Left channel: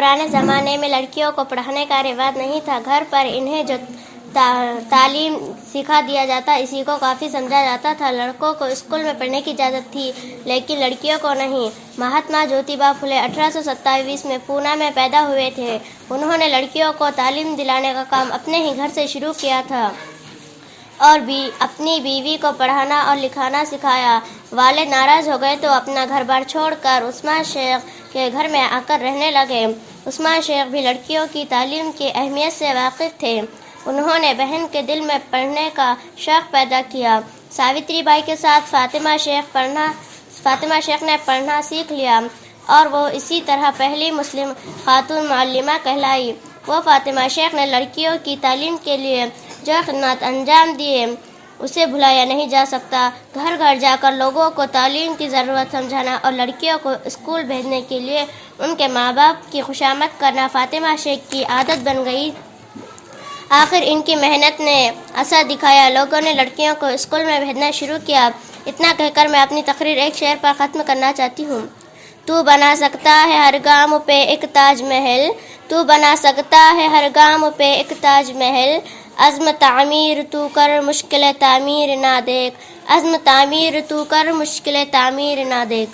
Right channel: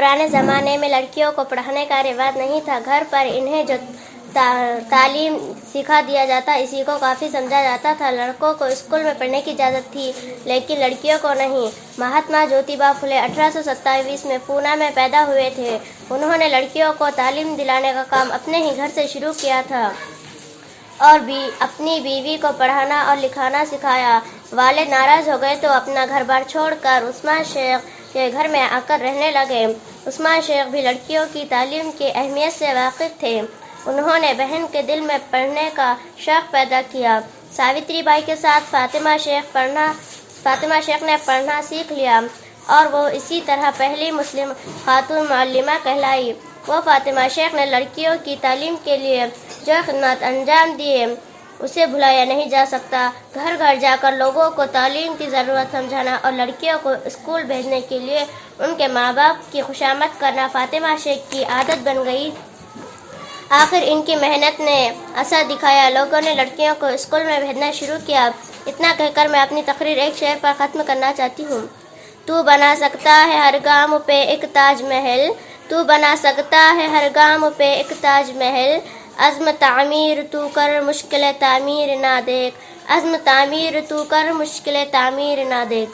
पुराने ज़माने में लड़कियों को पढ़ाने का रिवाज नहीं था। घर पर इन्हें जो तालीम सिखा दिया जाता इसी को काफ़ी समझा जाता था। लड़कों को स्कूल में पढ़ने की इजाज़त थी लेकिन लड़कियों को नहीं। महात्मा ज्योतिबा फुले 1827 में पूना में पैदा हुए थे। उन्होंने लड़कियों को तालीम दिलाने का काम अपने ही घर से शुरू किया था और भी अपनी बीवी को पढ़ाना और लिखाना सिखाया। वालिद नाराज़ हो गए तो अपना घर बार छोड़कर उस्मान शेख के घर में आकर रहने लगे। उस्मान शेख भी लड़कियों की तालीम की अहमियत से वाकिफ़ थे। उन्होंने बहन के दिल में पढ़ने का शौक़ पैदा किया। सावित्री बाई के साथ फातिमा शेख ने पढ़ना सीख लिया और वो इसी तरह पहली मुस्लिम खातून मुअल्लिमा कहलाई। वो फातिमा शेख ने लड़कियों की तालीम के लिए जो खिदमत अंजाम दिए उसे भुलाया नहीं जा सकता। घर घर जाकर लोगों को तालीम की ज़रूरत समझाना और लड़कियों को स्कूल भेजने के लिए उनके माँ बाप की खुशामद करना फातिमा शेख की आदत बन गई। आखिर इनकी मेहनत ने असर दिखाया। लोगों ने लड़कियों को स्कूल में भेजना शुरू किया। इतना कहकर मैं अपनी तकरीर एक शेर पर ख़त्म करना चाहती हूँ। तू बना सकता है हर गाम पे एक ताज महल, तू बना सकता है हर गाम पे एक ताज महल। अज़्म तामीर तू कर मुश्किल तामीर ना देख, अज़्म तामीर तू कर मुश्किल तामीर ना देख।